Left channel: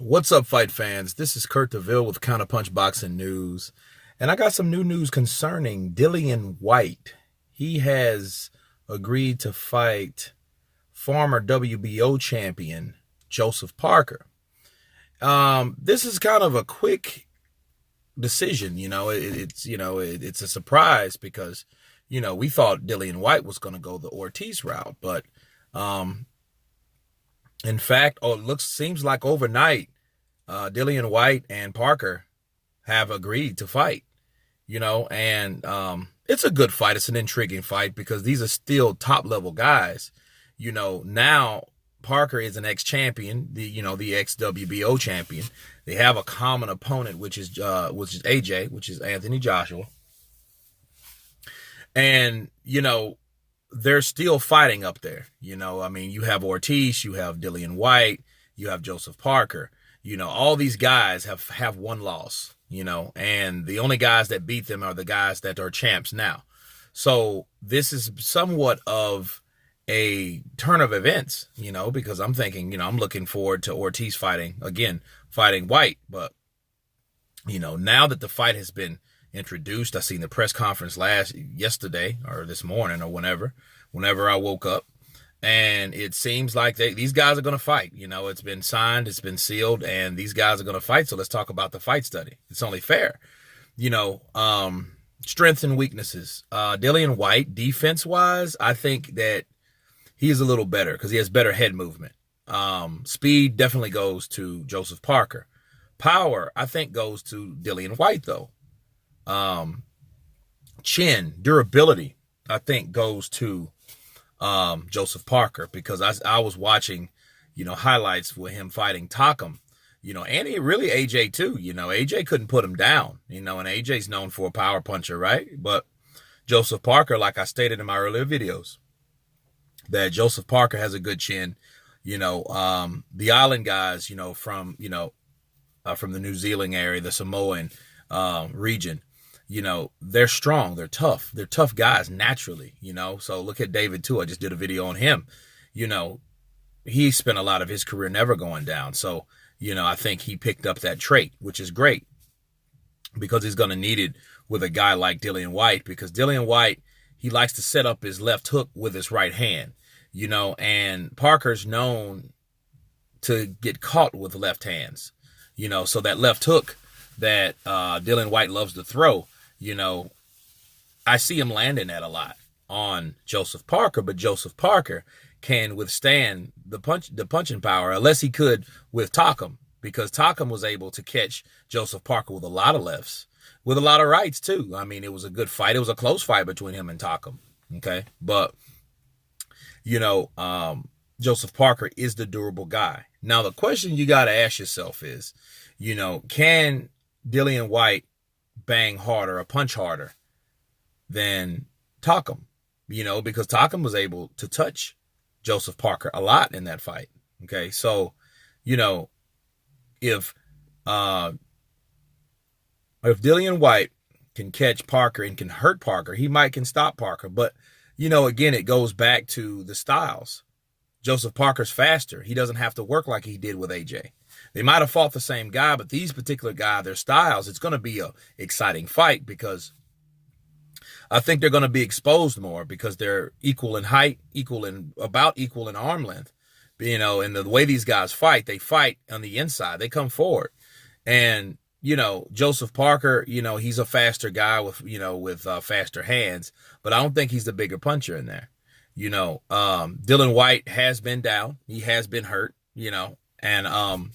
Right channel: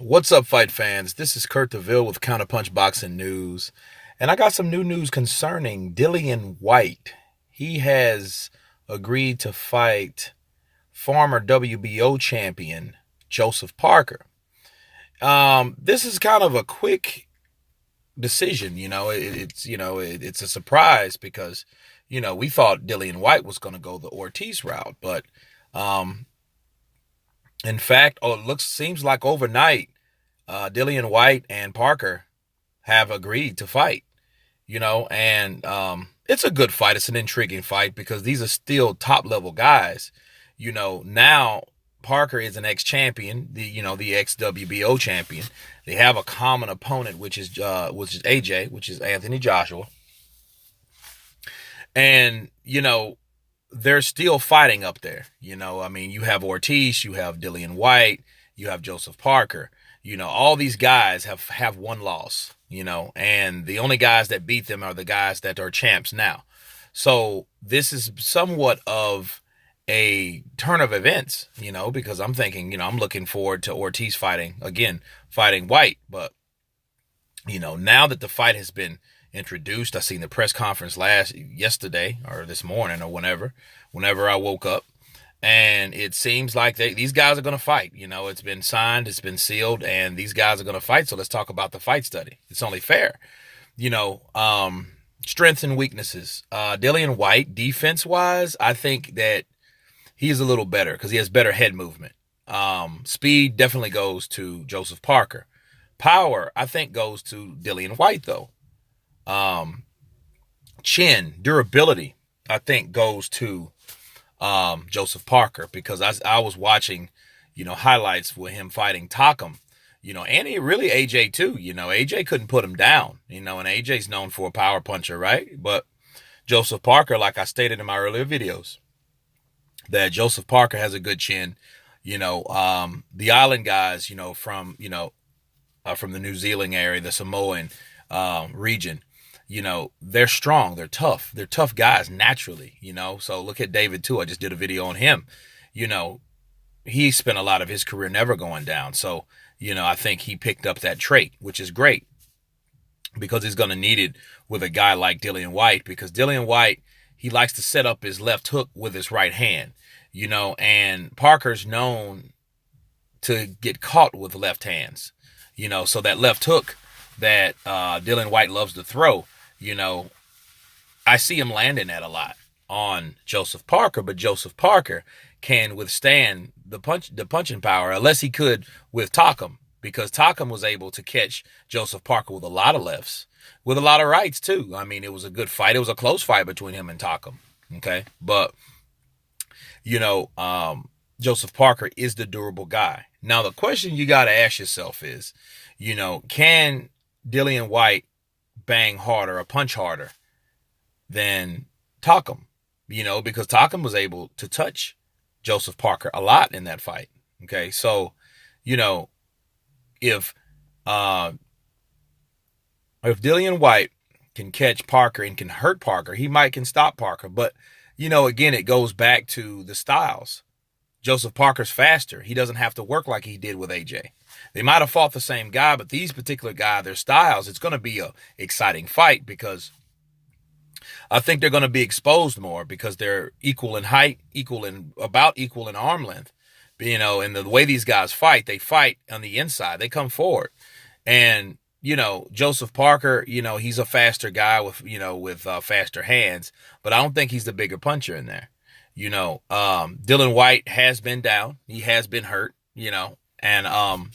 What's up, fight fans? This is Kurt DeVille with Counterpunch Boxing News, and I got some new news concerning Dillian Whyte. He has agreed to fight former WBO champion Joseph Parker. This is kind of a quick decision. It's a surprise because we thought Dillian Whyte was going to go the Ortiz route, but um, in fact, seems like overnight, Dillian Whyte and Parker have agreed to fight. And it's a good fight. It's an intriguing fight because these are still top level guys. Now Parker is an ex champion, the ex WBO champion. They have a common opponent, which is AJ, which is Anthony Joshua, and they're still fighting up there. You have Ortiz, you have Dillian Whyte, you have Joseph Parker. All these guys have one loss, and the only guys that beat them are the guys that are champs now. So this is somewhat of a turn of events, because I'm thinking, I'm looking forward to Ortiz fighting Whyte. But, now that the fight has been introduced, I seen the press conference yesterday or this morning or whenever I woke up. And it seems like these guys are going to fight. It's been signed, it's been sealed, and these guys are going to fight. So let's talk about the fight study. It's only fair. Strengths and weaknesses. Dillian Whyte, defense-wise, I think that he is a little better because he has better head movement. Speed definitely goes to Joseph Parker. Power, I think, goes to Dillian Whyte, though. Chin, durability, I think, goes to Joseph Parker, because I was watching, highlights with him fighting Takam, and really AJ too. AJ couldn't put him down, and AJ's known for a power puncher, right? But Joseph Parker, like I stated in my earlier videos, that Joseph Parker has a good chin. The island guys, from the New Zealand area, the Samoan region, they're strong, they're tough guys naturally, so look at David too. I just did a video on him. He spent a lot of his career never going down. So, I think he picked up that trait, which is great because he's going to need it with a guy like Dillian Whyte, because Dillian Whyte, he likes to set up his left hook with his right hand, and Parker's known to get caught with left hands, so that left hook that Dillian Whyte loves to throw, I see him landing that a lot on Joseph Parker, but Joseph Parker can withstand the punching power, unless he could with Takam, because Takam was able to catch Joseph Parker with a lot of lefts, with a lot of rights too. I mean, it was a good fight. It was a close fight between him and Takam. Okay. But, Joseph Parker is the durable guy. Now, the question you got to ask yourself is, can Dillian Whyte bang harder or punch harder than Takam? Because Takam was able to touch Joseph Parker a lot in that fight. Okay, so if Dillian Whyte can catch Parker and can hurt Parker, he can stop Parker. But again, it goes back to the styles. Joseph Parker's faster. He doesn't have to work like he did with AJ. They might have fought the same guy, but these particular guys, their styles, it's going to be a exciting fight, because I think they're going to be exposed more because they're equal in height, equal in arm length. And the way these guys fight, they fight on the inside. They come forward. And, Joseph Parker, he's a faster guy with faster hands, but I don't think he's the bigger puncher in there. Dillian Whyte has been down. He has been hurt, and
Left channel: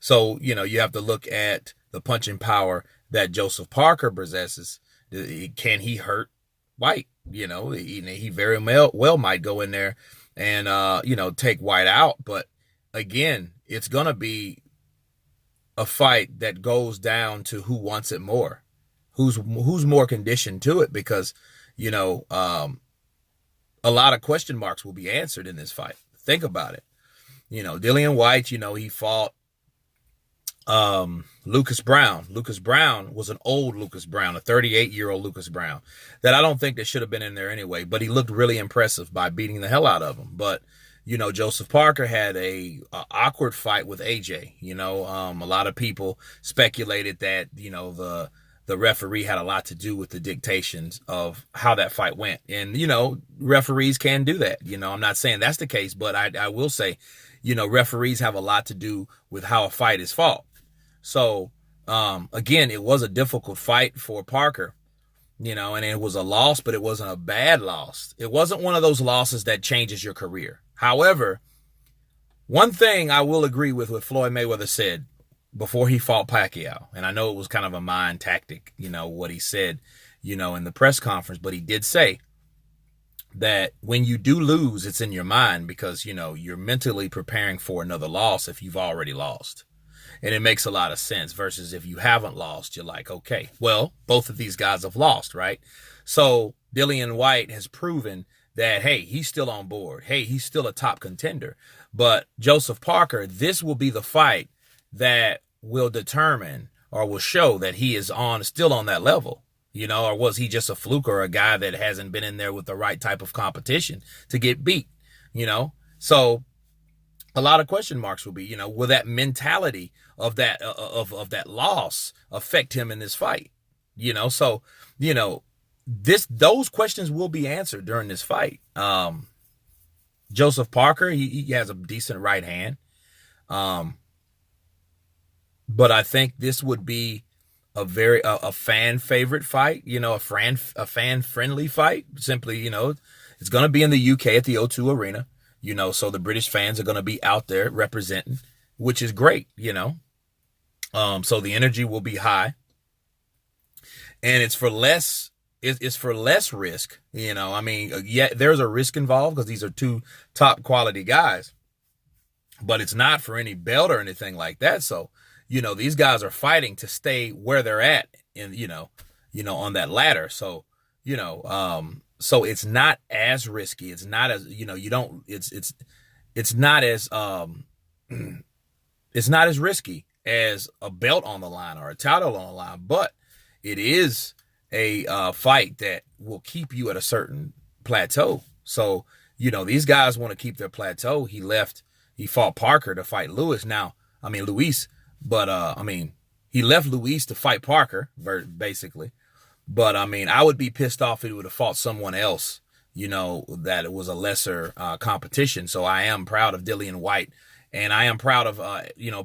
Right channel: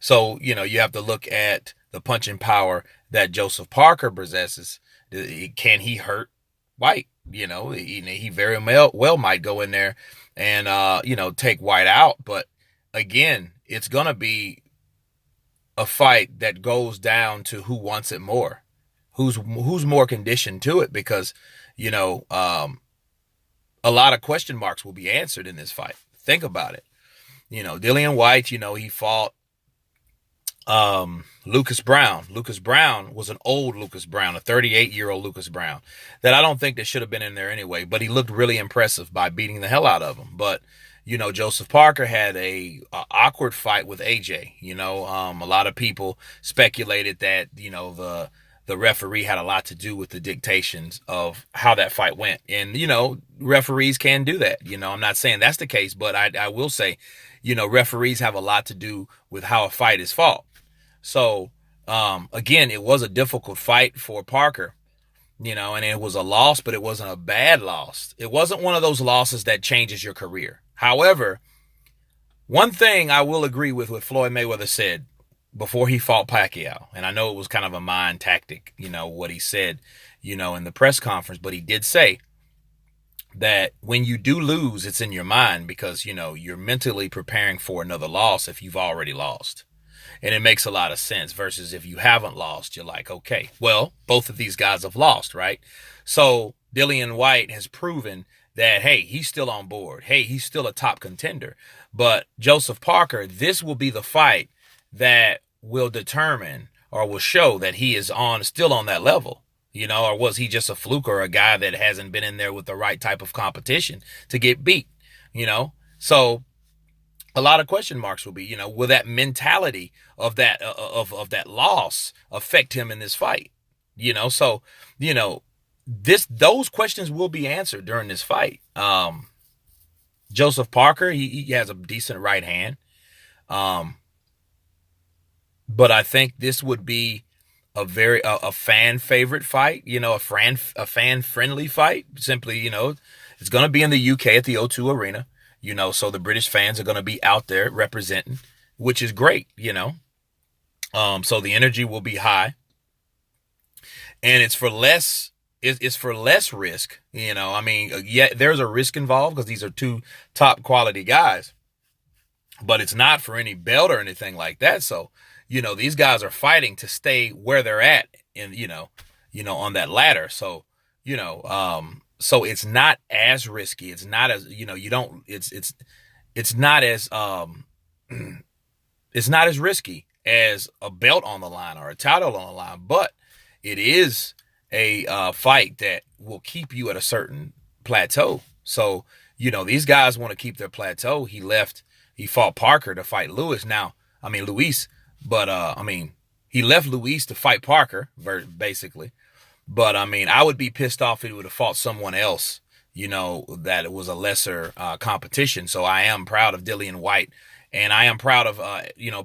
so, you have to look at the punching power that Joseph Parker possesses. Can he hurt Whyte? He very well might go in there and, take Whyte out. But again, it's going to be a fight that goes down to who wants it more, who's more conditioned to it, because, a lot of question marks will be answered in this fight. Think about it. Dillian Whyte, he fought Lucas Brown. Lucas Brown was an old Lucas Brown, a 38-year-old Lucas Brown, that I don't think that should have been in there anyway, but he looked really impressive by beating the hell out of him. But, Joseph Parker had a awkward fight with AJ. A lot of people speculated that, the referee had a lot to do with the dictations of how that fight went. And, referees can do that. I'm not saying that's the case, but I will say, referees have a lot to do with how a fight is fought. So, again, it was a difficult fight for Parker, and it was a loss, but it wasn't a bad loss. It wasn't one of those losses that changes your career. However, one thing I will agree with what Floyd Mayweather said before he fought Pacquiao, and I know it was kind of a mind tactic, what he said, in the press conference, but he did say that when you do lose, it's in your mind because, you're mentally preparing for another loss if you've already lost. And it makes a lot of sense versus if you haven't lost, you're like, okay, well, both of these guys have lost, right? So Dillian Whyte has proven that, hey, he's still on board. Hey, he's still a top contender. But Joseph Parker, this will be the fight that will determine or will show that he is still on that level, or was he just a fluke or a guy that hasn't been in there with the right type of competition to get beat, So a lot of question marks will be, will that mentality of that of that loss affect him in this fight? So, those questions will be answered during this fight. Joseph Parker, he has a decent right hand. But I think this would be a fan favorite fight, a fan friendly fight. Simply, it's going to be in the UK at the O2 Arena, so the British fans are going to be out there representing, which is great, so the energy will be high, and it's for less risk, yeah, there's a risk involved because these are two top quality guys, but it's not for any belt or anything like that. So, these guys are fighting to stay where they're at in, on that ladder. So, so it's not as risky. It's not as, it's not as, it's not as risky as a belt on the line or a title on the line, but it is a fight that will keep you at a certain plateau. So, these guys want to keep their plateau. He fought Parker to fight Luis. But, he left Luis to fight Parker, basically. But, I would be pissed off if he would have fought someone else, that it was a lesser competition. So I am proud of Dillian Whyte, and I am proud of,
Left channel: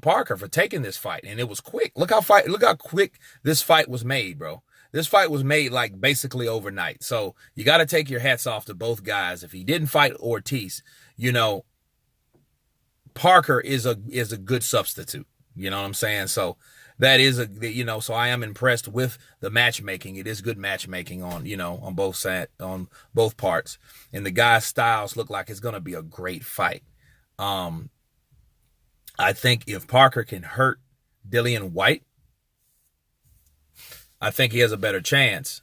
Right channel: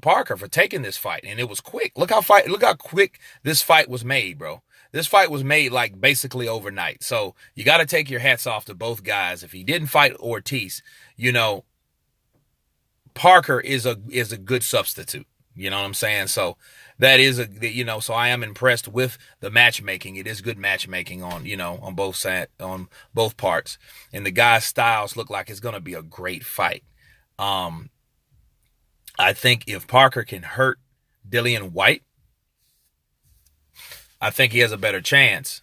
Parker for taking this fight. And it was quick. Look how quick this fight was made, bro. This fight was made like basically overnight. So you got to take your hats off to both guys. If he didn't fight Ortiz, Parker is a good substitute. You know what I'm saying? So that is so I am impressed with the matchmaking. It is good matchmaking on on both parts. And the guys' styles look like it's going to be a great fight. I think if Parker can hurt Dillian Whyte, I think he has a better chance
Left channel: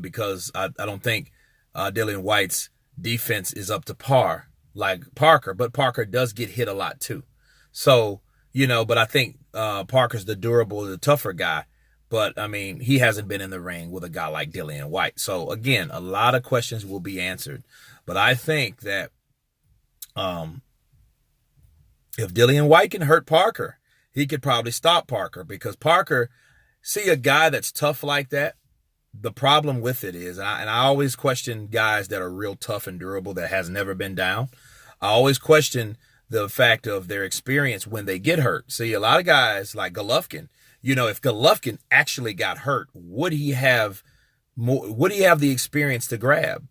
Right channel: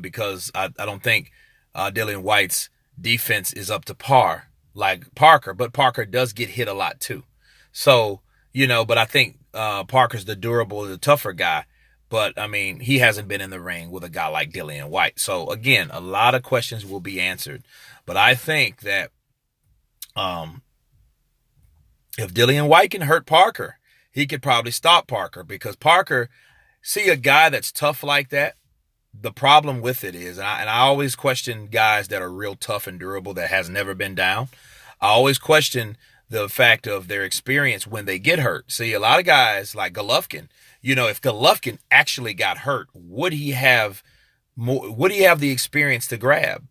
because I don't think Dillian Whyte's defense is up to par like Parker, but Parker does get hit a lot too. So, but I think Parker's the tougher guy. But, he hasn't been in the ring with a guy like Dillian Whyte. So, again, a lot of questions will be answered. But I think that if Dillian Whyte can hurt Parker, he could probably stop Parker. Because Parker, see a guy that's tough like that, the problem with it is, and I always question guys that are real tough and durable that has never been down. I always question the fact of their experience when they get hurt. See, a lot of guys like Golovkin, if Golovkin actually got hurt, would he have the experience to grab?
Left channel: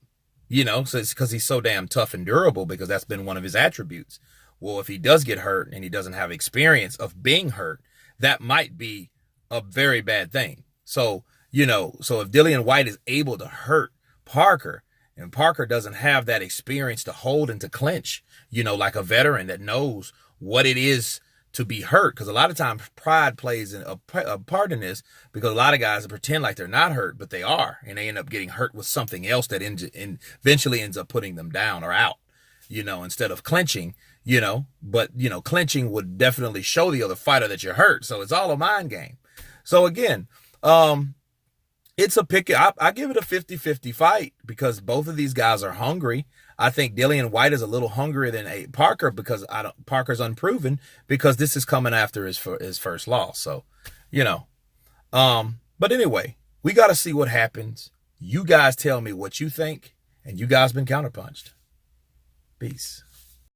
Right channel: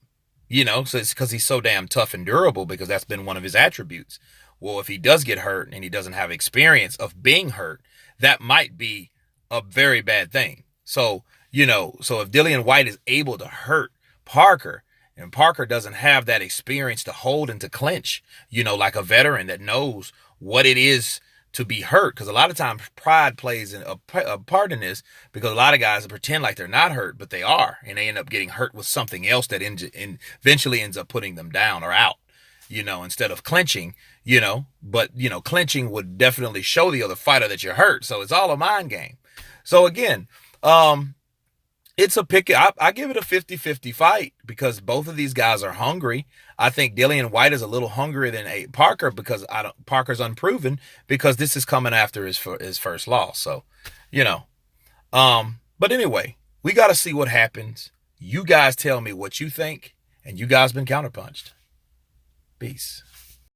So it's because he's so damn tough and durable, because that's been one of his attributes. Well, if he does get hurt and he doesn't have experience of being hurt, that might be a very bad thing. So, so if Dillian Whyte is able to hurt Parker, and Parker doesn't have that experience to hold and to clinch, like a veteran that knows what it is to be hurt. Because a lot of times pride plays a part in this, because a lot of guys pretend like they're not hurt, but they are. And they end up getting hurt with something else that eventually ends up putting them down or out, instead of clinching, But, clinching would definitely show the other fighter that you're hurt. So it's all a mind game. So again, it's a pick. I give it a 50-50 fight because both of these guys are hungry. I think Dillian White is a little hungrier than Parker because Parker's unproven because this is coming after his first loss. So, you know, but anyway, we got to see what happens. You guys tell me what you think, and you guys been counterpunched. Peace.